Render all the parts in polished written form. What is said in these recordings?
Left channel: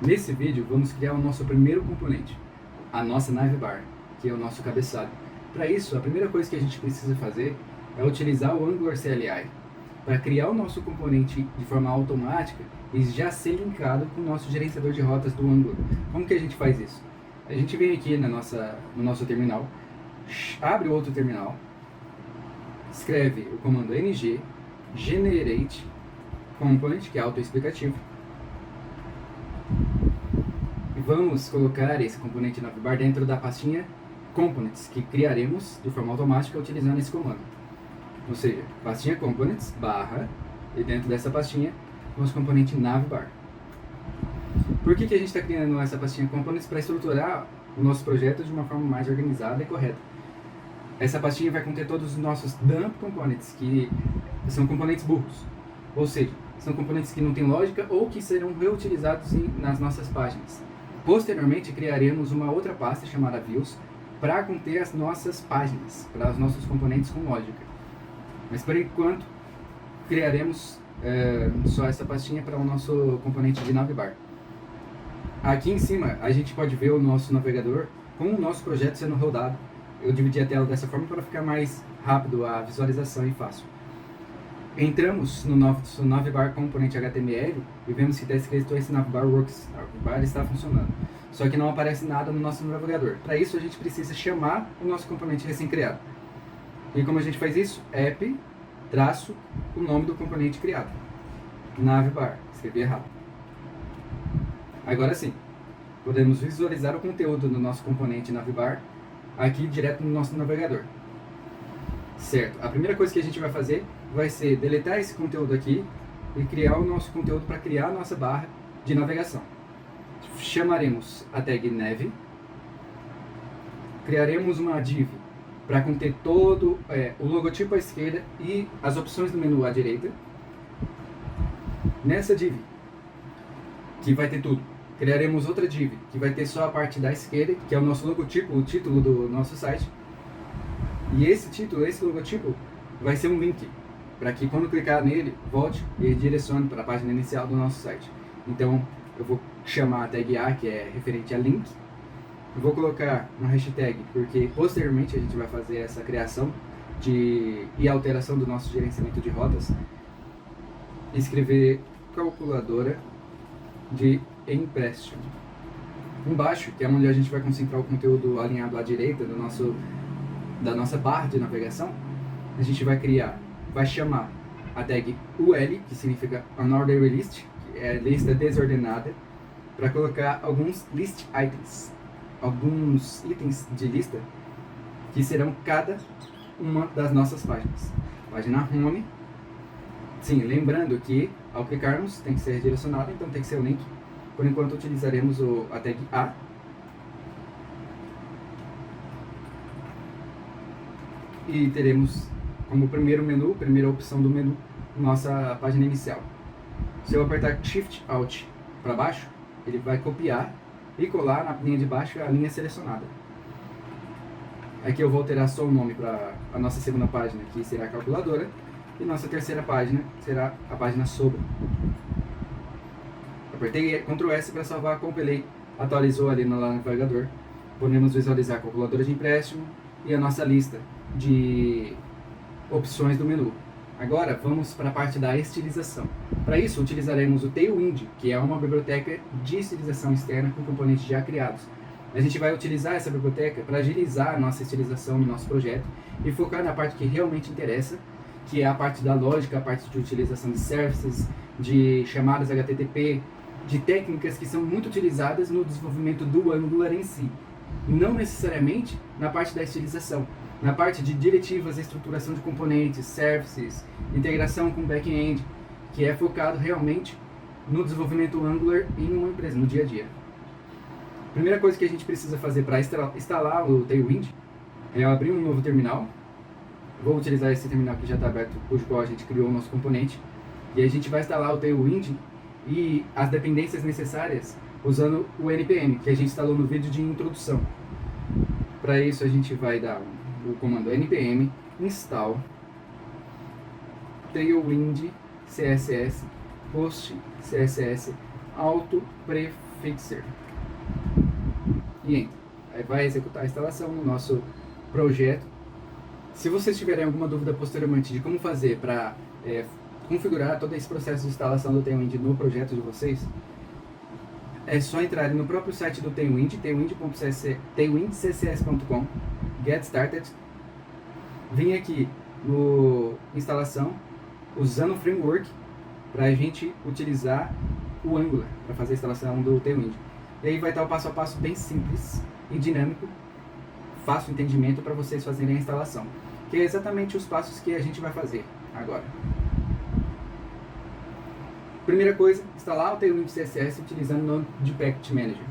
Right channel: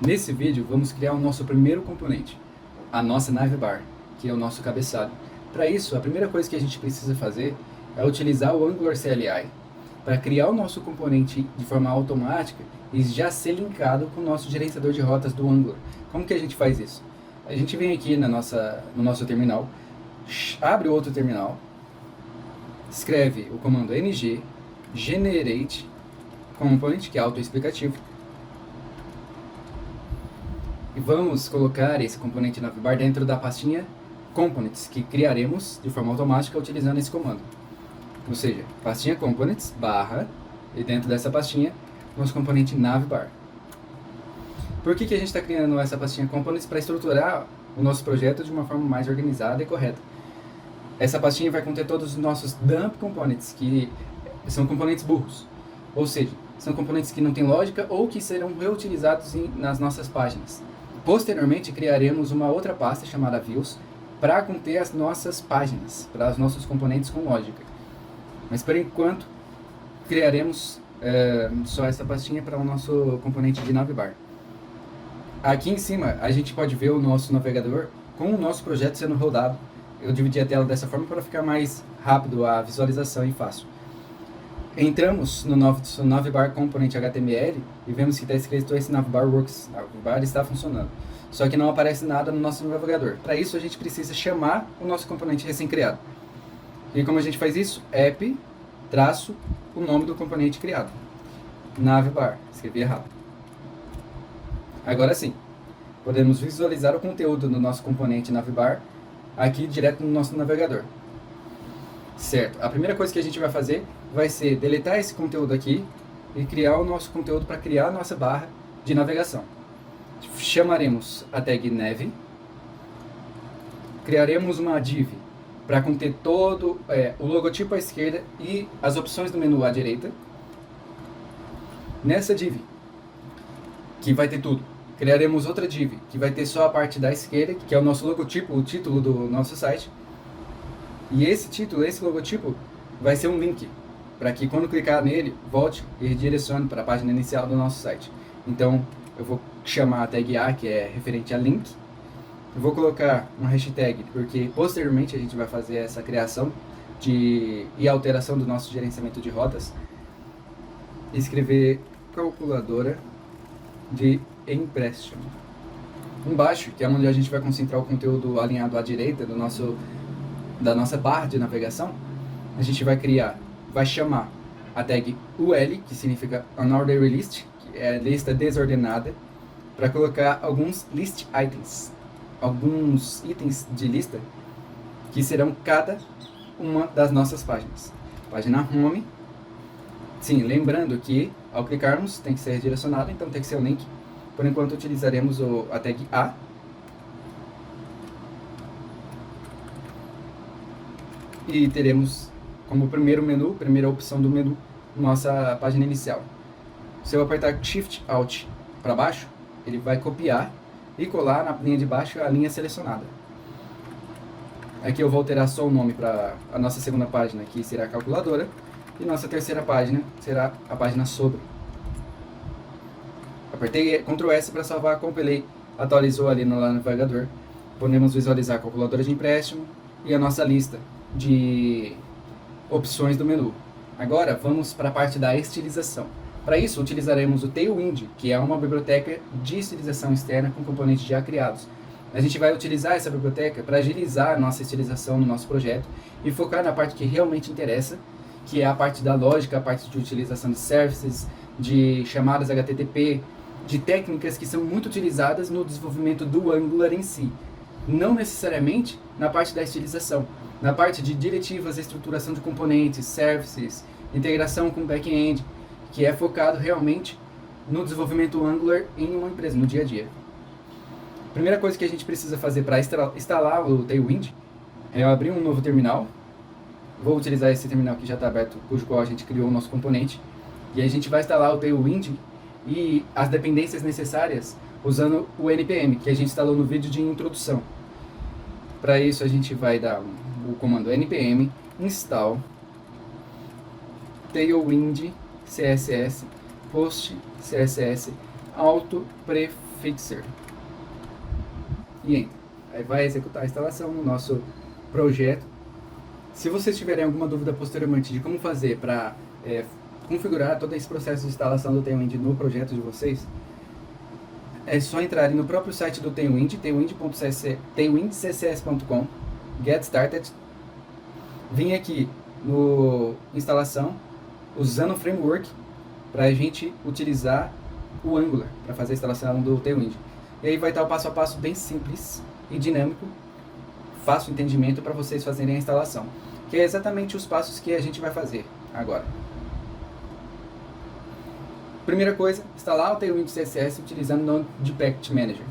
Nesse vídeo, vamos criar o nosso primeiro componente, a nossa navbar, que é o nosso cabeçalho. Para isso, a primeira coisa que a gente precisa fazer é utilizar o Angular CLI para criar o nosso componente de forma automática e já ser linkado com o nosso gerenciador de rotas do Angular. Como que a gente faz isso? A gente vem aqui no nosso terminal, abre outro terminal, escreve o comando ng generate component, que é autoexplicativo, e vamos colocar esse componente navbar dentro da pastinha components, que criaremos de forma automática utilizando esse comando. Ou seja, pastinha components barra, e dentro dessa pastinha, nosso componente navbar. Por que a gente está criando essa pastinha components? Para estruturar o nosso projeto de uma forma mais organizada e correta. Essa pastinha vai conter todos os nossos dump components, que são componentes burros. Ou seja, são componentes que não têm lógica ou que serão reutilizados nas nossas páginas. Posteriormente, criaremos uma outra pasta chamada views para conter as nossas páginas, para os nossos componentes com lógica. Mas por enquanto, criaremos só essa pastinha para o nosso componente de navbar. Aqui em cima, a gente pode ver o nosso navegador com o nosso projeto sendo rodado. Eu dividi a tela dessa forma para ficar mais rápido a visualização e fácil. Entramos no nosso navbar component HTML e vemos que está escrito esse navbar works. Navbar está funcionando. Só que não aparece nada no nosso navegador. Para isso a gente precisa chamar o nosso componente recém-criado. E como a gente faz isso? App, traço, o nome do componente criado. Navbar. Escrevi errado. Agora sim, podemos visualizar o conteúdo do nosso componente navbar aqui direto no nosso navegador. Certo, a primeira coisa que a gente vai fazer vai ser deletar esse conteúdo aqui e criar o nosso conteúdo para criar a nossa barra de navegação. Chamaremos a tag nav, criaremos uma div para conter todo o logotipo à esquerda e as opções do menu à direita. Nessa div, que vai ter tudo, criaremos outra div que vai ter só a parte da esquerda, que é o nosso logotipo, o título do nosso site. E esse título, esse logotipo, vai ser um link, para que quando clicar nele, volte e redirecione para a página inicial do nosso site. Então, eu vou chamar a tag A, que é referente a link, e vou colocar uma hashtag, porque posteriormente a gente vai fazer essa criação e alteração do nosso gerenciamento de rotas. Escrever calculadora de empréstimo. Embaixo, que é onde a gente vai concentrar o conteúdo alinhado à direita da nossa barra de navegação, a gente vai chamar a tag UL, que significa Unordered List, que é lista desordenada, para colocar alguns list items, alguns itens de lista que serão cada uma das nossas páginas. Página Home, sim, lembrando que ao clicarmos tem que ser redirecionado, então tem que ser o link. Por enquanto utilizaremos a tag A. E teremos como primeira opção do menu, nossa página inicial. Se eu apertar Shift Alt para baixo, ele vai copiar e colar na linha de baixo a linha selecionada. Aqui eu vou alterar só o nome para a nossa segunda página, que será a calculadora, e nossa terceira página será a página sobre. Apertei Ctrl S para salvar, compilei, atualizou ali no navegador. Podemos visualizar a calculadora de empréstimo e a nossa lista de opções do menu. Agora vamos para a parte da estilização. Para isso utilizaremos o Tailwind, que é uma biblioteca de estilização externa com componentes já criados. A gente vai utilizar essa biblioteca para agilizar a nossa estilização no nosso projeto e focar na parte que realmente interessa, que é a parte da lógica, a parte de utilização de services, de chamadas HTTP, de técnicas que são muito utilizadas no desenvolvimento do Angular em si. Não necessariamente na parte da estilização, na parte de diretivas, estruturação de componentes, services, integração com back-end, que é focado realmente no desenvolvimento Angular em uma empresa, no dia a dia. A primeira coisa que a gente precisa fazer para instalar o Tailwind é abrir um novo terminal. Vou utilizar esse terminal que já está aberto, cujo qual a gente criou o nosso componente. E aí a gente vai instalar o Tailwind e as dependências necessárias usando o npm, que a gente instalou no vídeo de introdução. Para isso a gente vai dar o comando npm install tailwind css post css auto prefab Fixer. E entra. Aí vai executar a instalação no nosso projeto. Se vocês tiverem alguma dúvida posteriormente de como fazer para configurar todo esse processo de instalação do Tailwind no projeto de vocês, é só entrarem no próprio site do Tailwind, tailwindccs.com, Get Started, vim aqui no instalação, usando o framework, para a gente utilizar o Angular para fazer a instalação do Tailwind. E aí vai estar o passo a passo bem simples e dinâmico, fácil entendimento para vocês fazerem a instalação, que é exatamente os passos que a gente vai fazer agora. Primeira coisa, instalar o Tailwind CSS utilizando o Node Package Manager.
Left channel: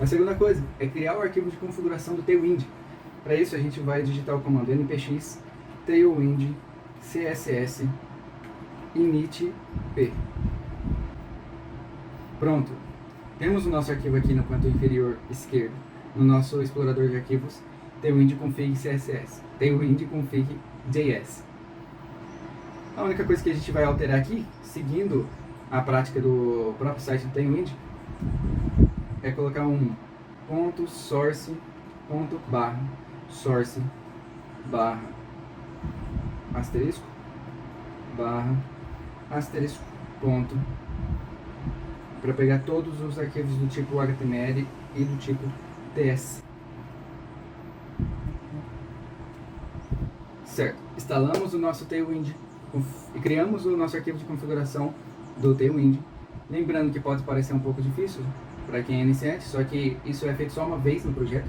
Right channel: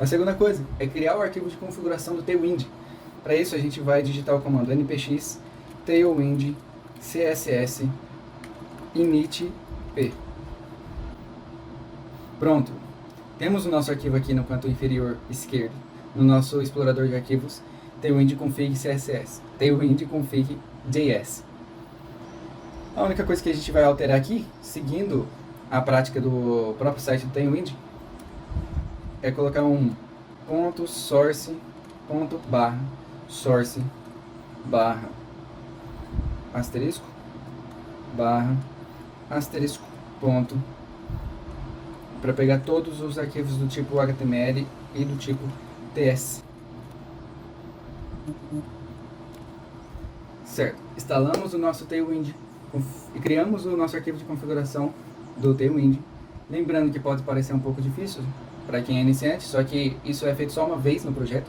A segunda coisa é criar o arquivo de configuração do Tailwind. Para isso a gente vai digitar o comando npx tailwind css init p. Pronto. Temos o nosso arquivo aqui no canto inferior esquerdo, no nosso explorador de arquivos, tailwind config css, tailwind config js. A única coisa que a gente vai alterar aqui, seguindo a prática do próprio site do Tailwind, é colocar um .source barra asterisco ponto, para pegar todos os arquivos do tipo HTML e do tipo TS. Certo, instalamos o nosso Tailwind e criamos o nosso arquivo de configuração do Tailwind. Lembrando que pode parecer um pouco difícil para quem é iniciante, só que isso é feito só uma vez no projeto.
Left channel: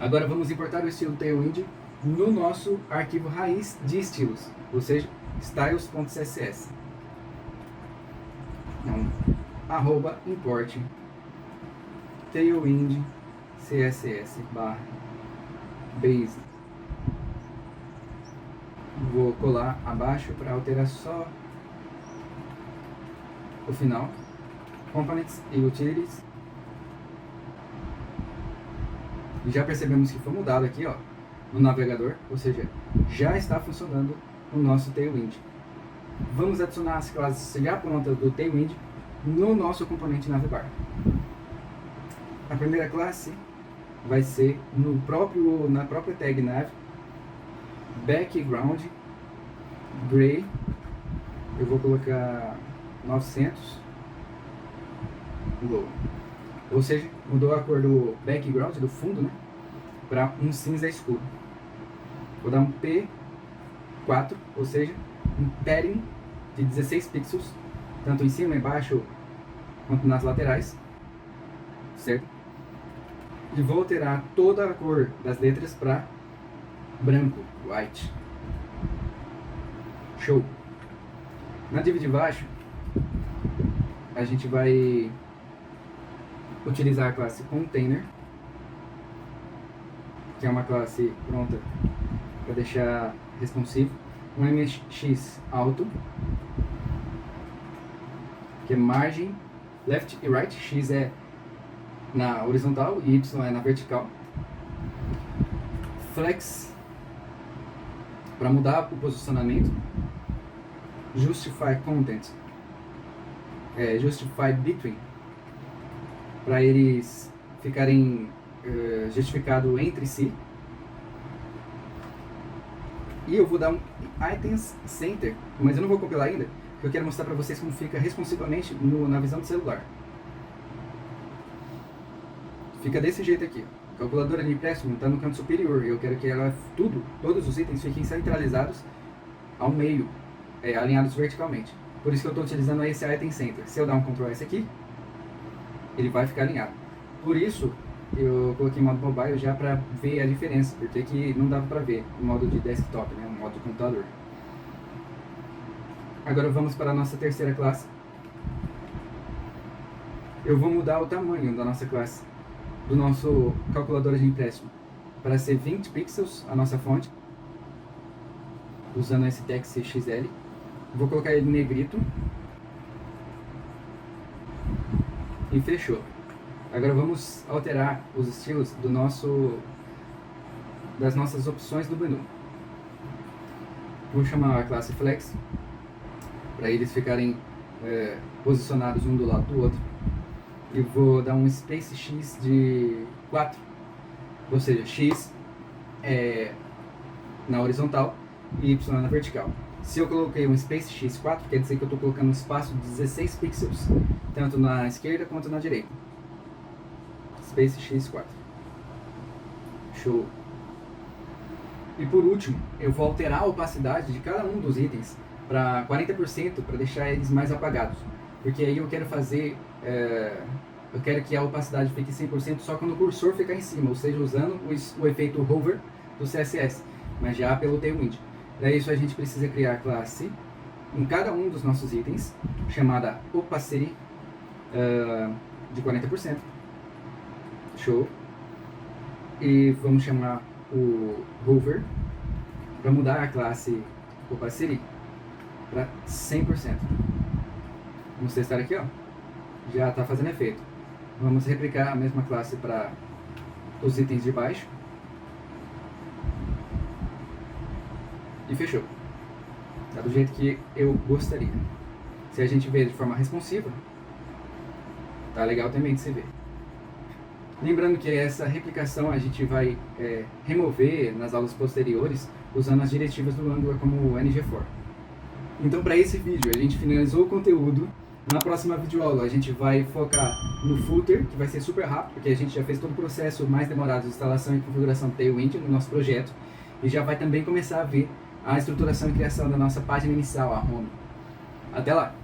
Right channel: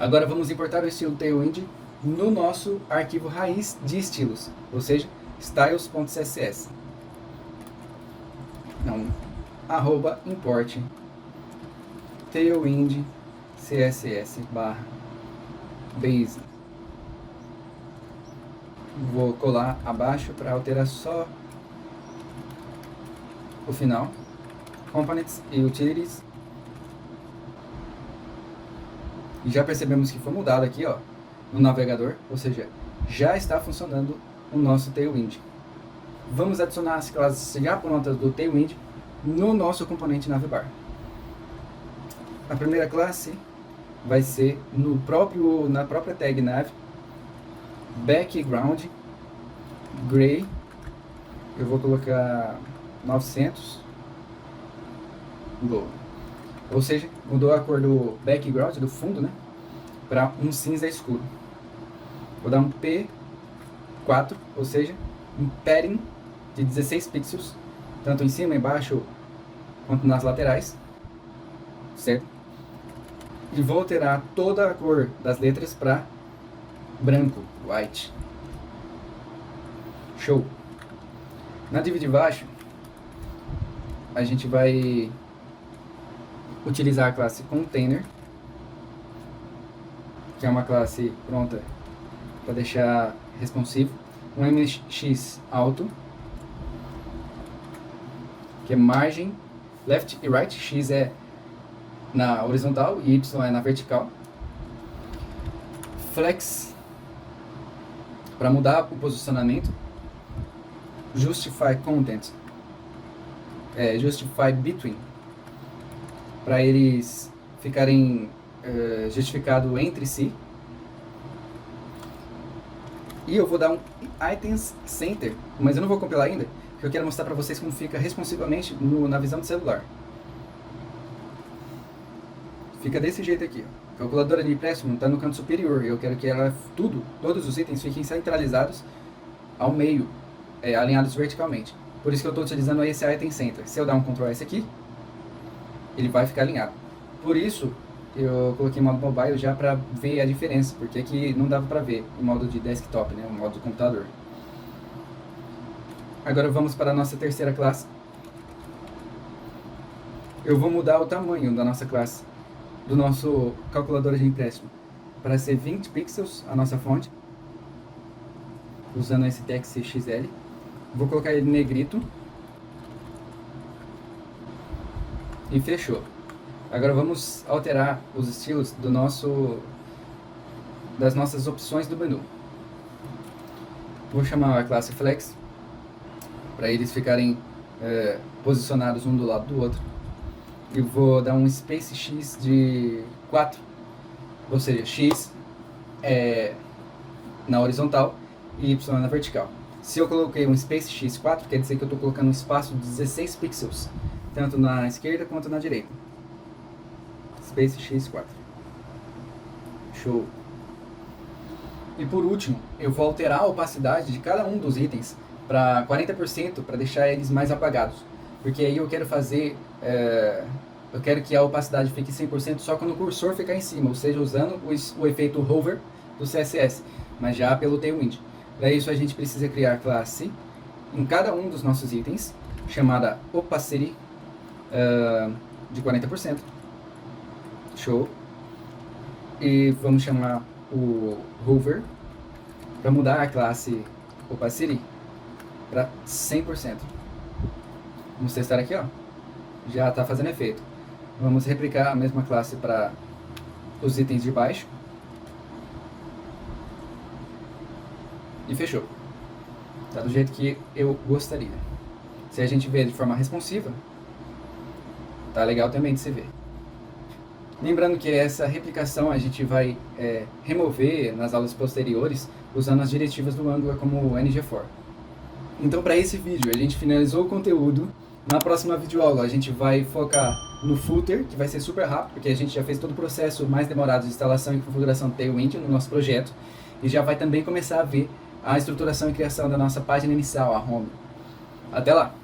Agora vamos importar o estilo Tailwind no nosso arquivo raiz de estilos, ou seja, styles.css. Então, @import tailwind css base. Vou colar abaixo para alterar só o final. Components e Utilities. E já percebemos que foi mudado aqui, ó, no navegador, ou seja, já está funcionando o nosso Tailwind. Vamos adicionar as classes já prontas do Tailwind no nosso componente navbar. A primeira classe vai ser na própria tag nav background gray. Eu vou colocar 900 glow, ou seja, mudou a cor do background, do fundo, né, para um cinza escuro. Vou dar um P4, ou seja, um padding de 16 pixels, tanto em cima, embaixo, quanto nas laterais, certo? E vou alterar toda a cor das letras para branco, white. Show! Na div de baixo, a gente vai utilizar a classe container, que é uma classe pronta para deixar responsivo, um mx auto, que é margem left e right, x é na horizontal e y é na vertical, flex para mudar o posicionamento, justify content, justify between, para eles ficarem justificados entre si. E eu vou dar um items center, mas eu não vou compilar ainda, porque eu quero mostrar para vocês como fica responsivamente na visão do celular. Fica desse jeito aqui, ó. A calculadora de empréstimo está no canto superior e eu quero que todos os itens fiquem centralizados ao meio, alinhados verticalmente. Por isso que eu estou utilizando esse item center. Se eu dar um Ctrl S aqui, ele vai ficar alinhado. Por isso eu coloquei modo mobile já para ver a diferença, porque aqui não dava para ver o modo de desktop, né, o modo de computador. Agora vamos para a nossa terceira classe. Eu vou mudar o tamanho da nossa classe, do nosso calculador de empréstimo, para ser 20 pixels a nossa fonte, usando esse text XL. Vou colocar ele negrito e fechou. Agora vamos alterar os estilos das nossas opções do menu. Vou chamar a classe Flex para eles ficarem posicionados um do lado do outro. e vou dar um space x de 4, ou seja, x é na horizontal e y na vertical. Se eu coloquei um space x4, quer dizer que eu estou colocando um espaço de 16 pixels, tanto na esquerda quanto na direita. Space x4. Show. E por último, eu vou alterar a opacidade de cada um dos itens para 40% para deixar eles mais apagados. Porque aí eu quero fazer, eu quero que a opacidade fique 100% só quando o cursor ficar em cima, ou seja, usando o efeito hover do CSS, mas já pelo Tailwind. Para isso a gente precisa criar classe em cada um dos nossos itens, chamada opacity de 40%. Show. E vamos chamar o hover para mudar a classe opacity para 100%. Vamos testar aqui, ó. Já está fazendo efeito. Vamos replicar a mesma classe para os itens de baixo. E fechou. Tá do jeito que eu gostaria. Se a gente ver de forma responsiva, tá legal também de se ver. Lembrando que essa replicação a gente vai remover nas aulas posteriores usando as diretivas do Angular como o NG4. Então, para esse vídeo, a gente finalizou o conteúdo. Na próxima videoaula, a gente vai focar no footer, que vai ser super rápido, porque a gente já fez todo o processo mais demorado de instalação e configuração do Tailwind no nosso projeto. E já vai também começar a ver a estruturação e criação da nossa página inicial, a home. Até lá!